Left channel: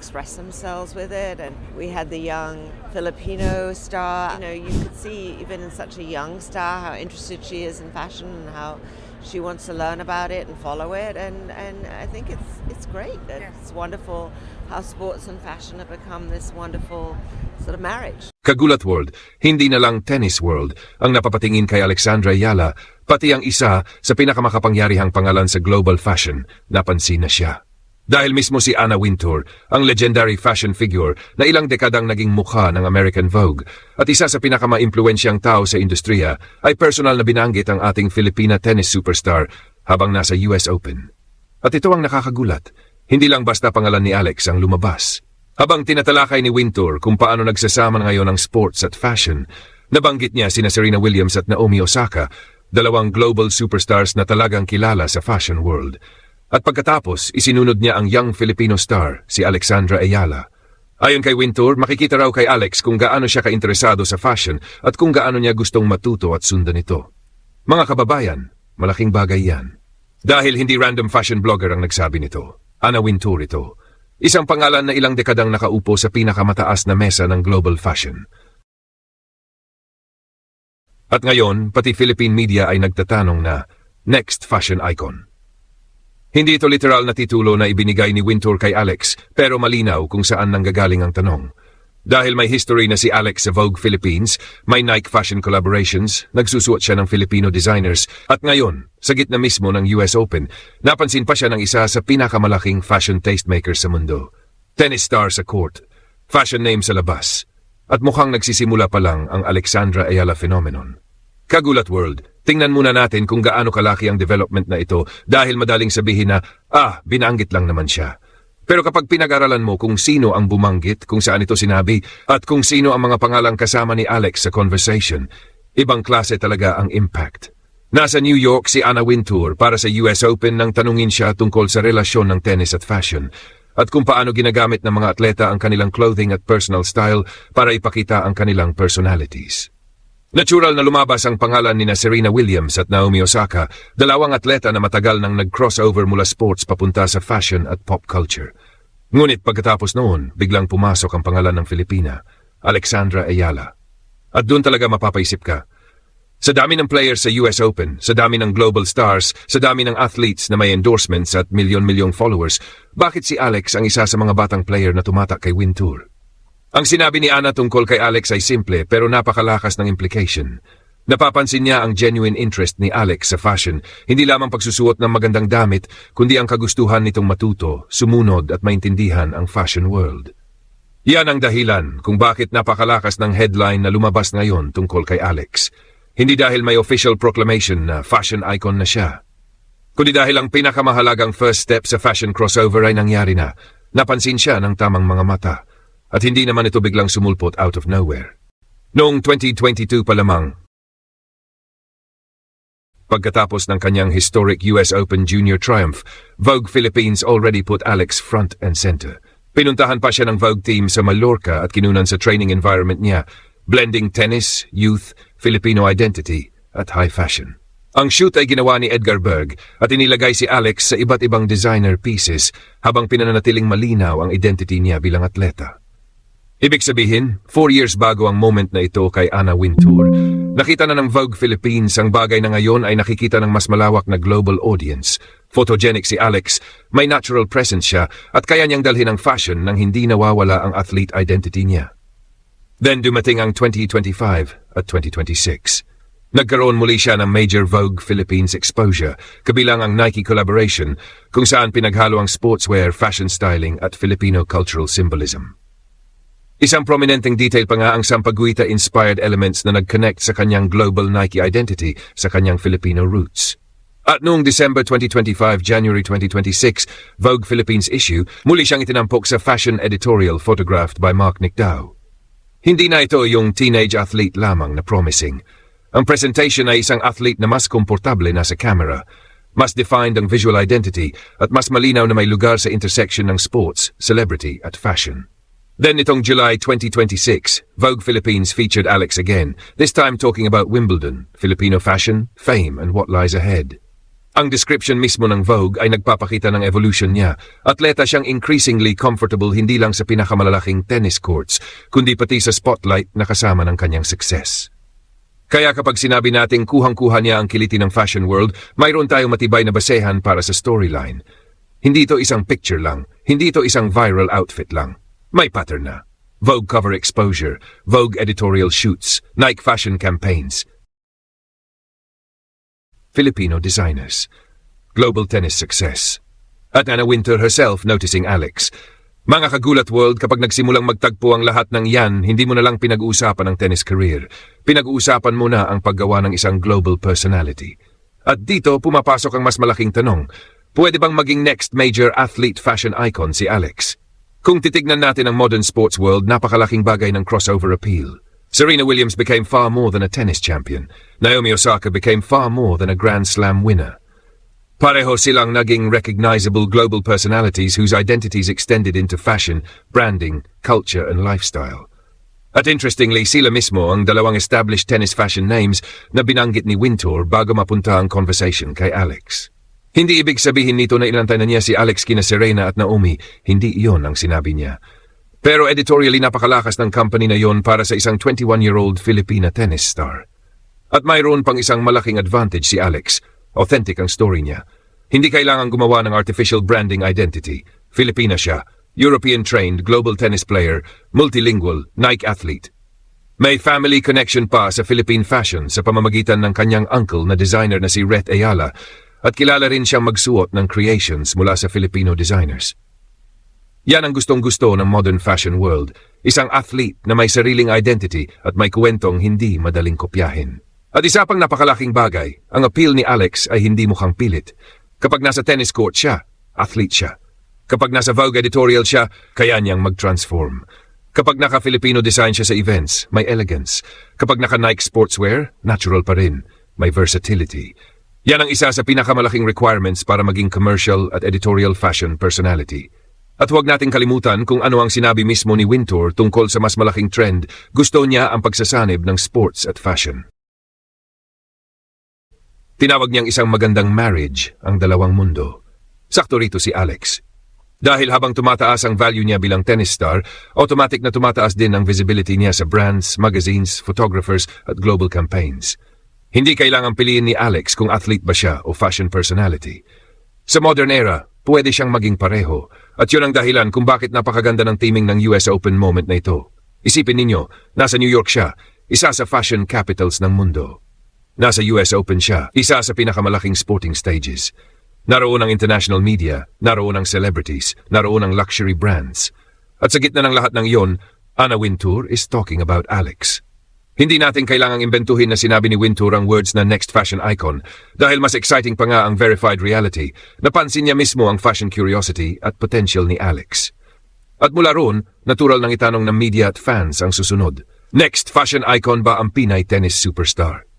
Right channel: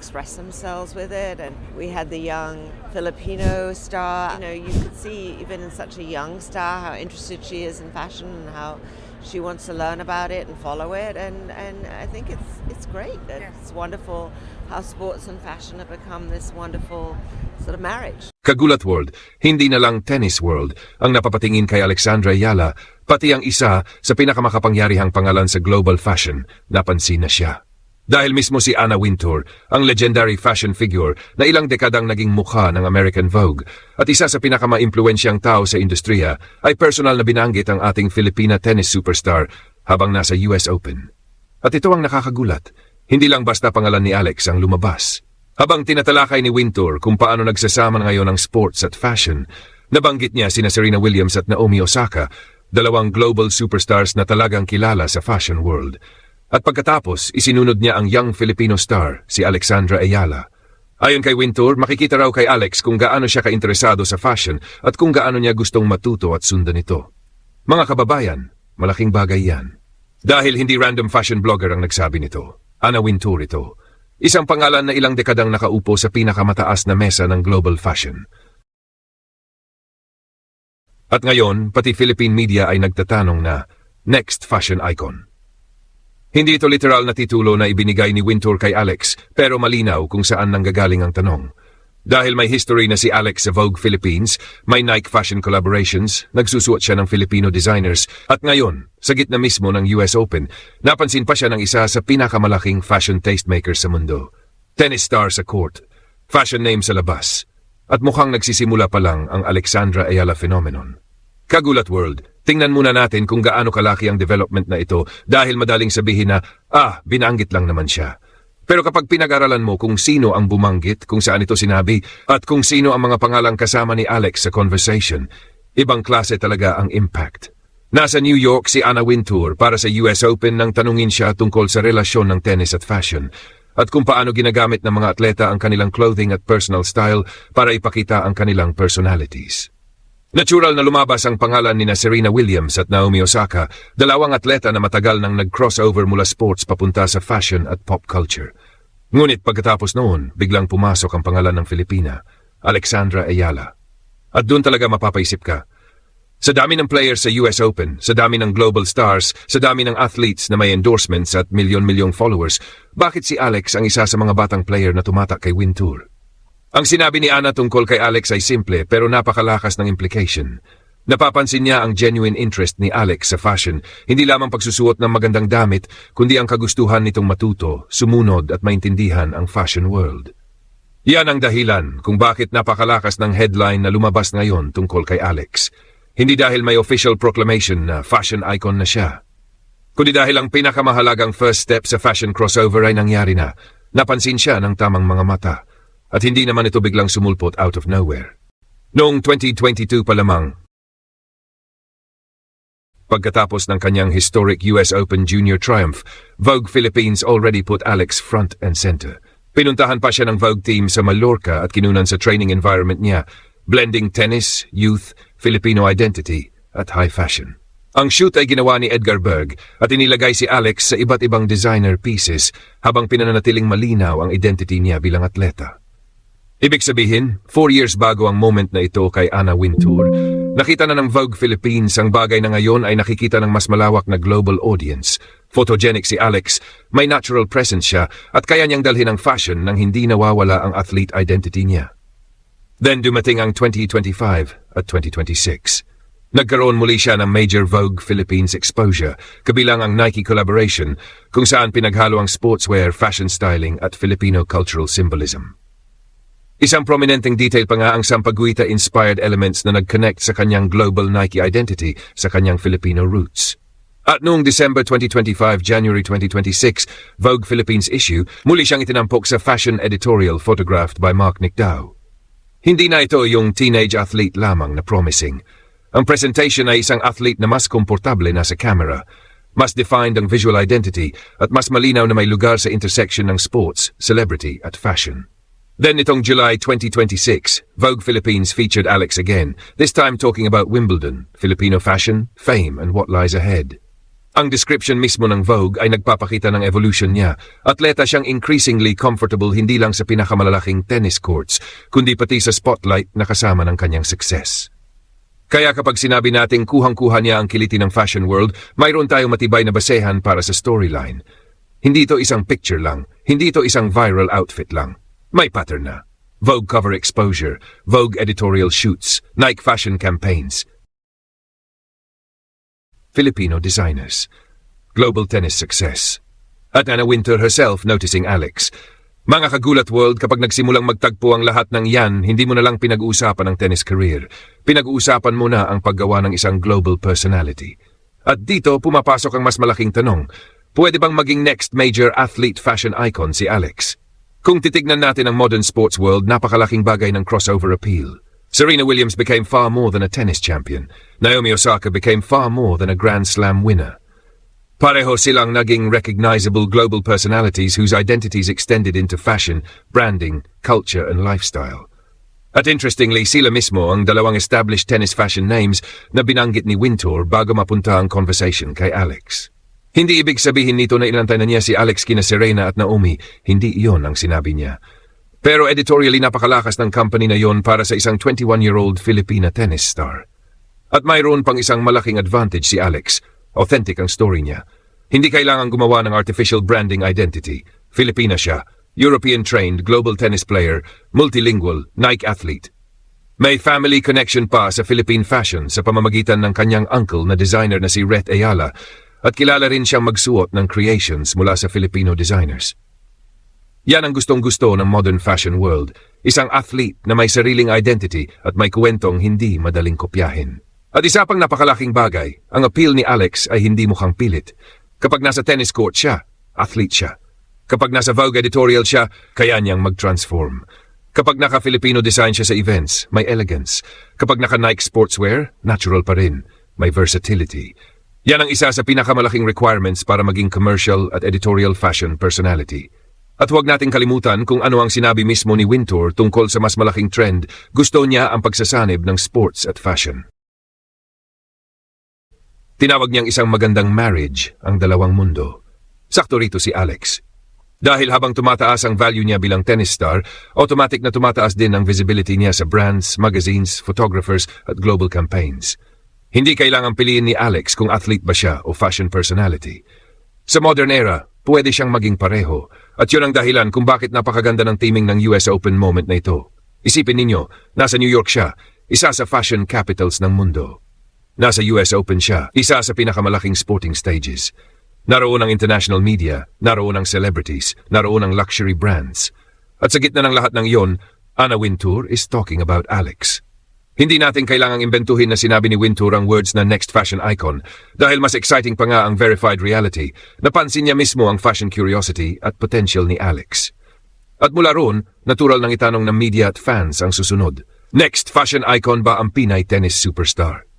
express themselves with it. And we had the young Filipino star. You could see even in such a young star how interested she is in fashion and how she wants to learn about it and follow it. And I think it's great. It's wonderful how sports and fashion have become this wonderful sort of marriage. Kagulat World, hindi na lang tennis world ang napapatingin kay Alexandra Ayala, pati ang isa sa pinakamakapangyarihang pangalan sa global fashion, napansin na siya. Dahil mismo si Anna Wintour, ang legendary fashion figure na ilang dekadang naging mukha ng American Vogue at isa sa pinakamaimpluwensyang tao sa industriya, ay personal na binanggit ang ating Filipina tennis superstar habang nasa US Open. At ito ang nakakagulat, hindi lang basta pangalan ni Alex ang lumabas. Habang tinatalakay ni Wintour kung paano nagsasama ngayon ang sports at fashion, nabanggit niya sina Serena Williams at Naomi Osaka, dalawang global superstars na talagang kilala sa fashion world. At pagkatapos, isinunod niya ang young Filipino star, si Alexandra Ayala. Ayon kay Wintour, makikita raw kay Alex kung gaano siya kainteresado sa fashion at kung gaano niya gustong matuto at sundan ito. Mga kababayan, malaking bagay yan. Dahil hindi random fashion blogger ang nagsabi nito. Anna Wintour ito. Isang pangalan na ilang dekadang nakaupo sa pinakamataas na mesa ng global fashion. At ngayon, pati Philippine media ay nagtatanong na, next fashion icon. Hindi ito literal na titulo na ibinigay ni Wintour kay Alex, pero malinaw kung saan nanggagaling ang tanong. Dahil may history na si Alex sa Vogue Philippines, may Nike fashion collaborations, nagsusuot siya ng Filipino designers, at ngayon, sa gitna mismo ng US Open, napansin pa siya ng isa sa pinakamalaking fashion tastemaker sa mundo. Tennis star sa court, fashion name sa labas. At mukhang nagsisimula pa lang ang Alexandra Ayala phenomenon. Kagulat World, tingnan muna natin kung gaano kalaki ang development na ito dahil madaling sabihin na, binanggit lang naman siya. Pero kapag pinag-aralan mo kung sino ang bumanggit, kung saan ito sinabi, at kung sino ang mga pangalang kasama ni Alex sa conversation, ibang klase talaga ang impact. Nasa New York si Anna Wintour para sa US Open nang tanungin siya tungkol sa relasyon ng tennis at fashion, at kung paano ginagamit ng mga atleta ang kanilang clothing at personal style para ipakita ang kanilang personalities. Natural na lumabas ang pangalan ni Serena Williams at Naomi Osaka, dalawang atleta na matagal nang nag-crossover mula sports papunta sa fashion at pop culture. Ngunit pagkatapos noon, biglang pumasok ang pangalan ng Filipina, Alexandra Ayala. At doon talaga mapapaisip ka. Sa dami ng players sa US Open, sa dami ng global stars, sa dami ng athletes na may endorsements at milyon-milyong followers, bakit si Alex ang isa sa mga batang player na tumatak kay Wintour? Ang sinabi ni Anna tungkol kay Alex ay simple pero napakalakas ng implication. Napapansin niya ang genuine interest ni Alex sa fashion, hindi lamang pagsusuot ng magandang damit, kundi ang kagustuhan nitong matuto, sumunod at maintindihan ang fashion world. Yan ang dahilan kung bakit napakalakas ng headline na lumabas ngayon tungkol kay Alex. Hindi dahil may official proclamation na fashion icon na siya, kundi dahil ang pinakamahalagang first step sa fashion crossover ay nangyari na. Napansin siya ng tamang mga mata. At hindi naman ito biglang sumulpot out of nowhere. Noong 2022 pa lamang, pagkatapos ng kanyang historic US Open Junior triumph, Vogue Philippines already put Alex front and center. Pinuntahan pa siya ng Vogue team sa Mallorca at kinunan sa training environment niya, blending tennis, youth, Filipino identity, at high fashion. Ang shoot ay ginawa ni Edgar Berg at inilagay si Alex sa iba't ibang designer pieces habang pinananatiling malinaw ang identity niya bilang atleta. Ibig sabihin, 4 years bago ang moment na ito kay Anna Wintour, nakita na ng Vogue Philippines ang bagay na ngayon ay nakikita ng mas malawak na global audience. Photogenic si Alex, may natural presence siya at kaya niyang dalhin ang fashion nang hindi nawawala ang athlete identity niya. Then dumating ang 2025 at 2026. Nagkaroon muli siya ng major Vogue Philippines exposure, kabilang ang Nike collaboration, kung saan pinaghalo ang sportswear, fashion styling at Filipino cultural symbolism. Isang prominenteng detail pa nga ang Sampaguita-inspired elements na nag-connect sa kanyang global Nike identity sa kanyang Filipino roots. At noong December 2025, January 2026, Vogue Philippines issue, muli siyang itinampok sa fashion editorial photographed by Mark Nicdao. Hindi na ito yung teenage athlete lamang na promising. Ang presentation ay isang athlete na mas komportable na sa camera, mas defined ang visual identity at mas malinaw na may lugar sa intersection ng sports, celebrity at fashion. Then itong July 2026, Vogue Philippines featured Alex again, this time talking about Wimbledon, Filipino fashion, fame, and what lies ahead. Ang description mismo ng Vogue ay nagpapakita ng evolution niya. Atleta siyang increasingly comfortable hindi lang sa pinakamalalaking tennis courts, kundi pati sa spotlight na kasama ng kanyang success. Kaya kapag sinabi nating kuhang-kuha niya ang kiliti ng fashion world, mayroon tayong matibay na basehan para sa storyline. Hindi ito isang picture lang, hindi ito isang viral outfit lang. May pattern na. Vogue cover exposure, Vogue editorial shoots, Nike fashion campaigns, Filipino designers, global tennis success. At Anna Wintour herself noticing Alex. Mga kagulat world, kapag nagsimulang magtagpo ang lahat ng yan, hindi mo na lang pinag-uusapan ang tennis career. Pinag-uusapan mo na ang paggawa ng isang global personality. At dito pumapasok ang mas malaking tanong. Pwede bang maging next major athlete fashion icon si Alex? Kung titignan natin ang modern sports world, napakalaking bagay ng crossover appeal. Serena Williams became far more than a tennis champion. Naomi Osaka became far more than a Grand Slam winner. Pareho silang naging recognizable global personalities whose identities extended into fashion, branding, culture, and lifestyle. At interestingly, sila mismo ang dalawang established tennis fashion names na binanggit ni Wintour bago mapunta ang conversation kay Alex. Hindi ibig sabihin nito na inantay na niya si Alex kina Serena at Naomi. Hindi iyon ang sinabi niya. Pero editorially napakalakas ng company na yon para sa isang 21-year-old Filipina tennis star. At mayroon pang isang malaking advantage si Alex. Authentic ang story niya. Hindi kailangang gumawa ng artificial branding identity. Filipina siya, European-trained global tennis player, multilingual, Nike athlete. May family connection pa sa Philippine fashion sa pamamagitan ng kanyang uncle na designer na si Rhett Ayala at kilala rin siyang magsuot ng creations mula sa Filipino designers. Yan ang gustong-gusto ng modern fashion world. Isang athlete na may sariling identity at may kwentong hindi madaling kopyahin. At isa pang napakalaking bagay, ang appeal ni Alex ay hindi mukhang pilit. Kapag nasa tennis court siya, athlete siya. Kapag nasa Vogue editorial siya, kaya niyang mag-transform. Kapag naka-Filipino design siya sa events, may elegance. Kapag naka-Nike sportswear, natural pa rin. May versatility. Yan ang isa sa pinakamalaking requirements para maging commercial at editorial fashion personality. At huwag nating kalimutan kung ano ang sinabi mismo ni Wintour tungkol sa mas malaking trend. Gusto niya ang pagsasanib ng sports at fashion. Tinawag niyang isang magandang marriage ang dalawang mundo. Sakto rito si Alex. Dahil habang tumataas ang value niya bilang tennis star, automatic na tumataas din ang visibility niya sa brands, magazines, photographers at global campaigns. Hindi kailangang piliin ni Alex kung athlete ba siya o fashion personality. Sa modern era, pwede siyang maging pareho. At yun ang dahilan kung bakit napakaganda ng teaming ng US Open moment na ito. Isipin ninyo, nasa New York siya, isa sa fashion capitals ng mundo. Nasa US Open siya, isa sa pinakamalaking sporting stages. Naroon ang international media, naroon ang celebrities, naroon ang luxury brands. At sa gitna ng lahat ng iyon, Anna Wintour is talking about Alex. Hindi natin kailangang imbentuhin na sinabi ni Wintour ang words na next fashion icon dahil mas exciting pa nga ang verified reality. Napansin niya mismo ang fashion curiosity at potential ni Alex. At mula roon, natural nang itanong ng media at fans ang susunod. Next fashion icon ba ang Pinay tennis superstar?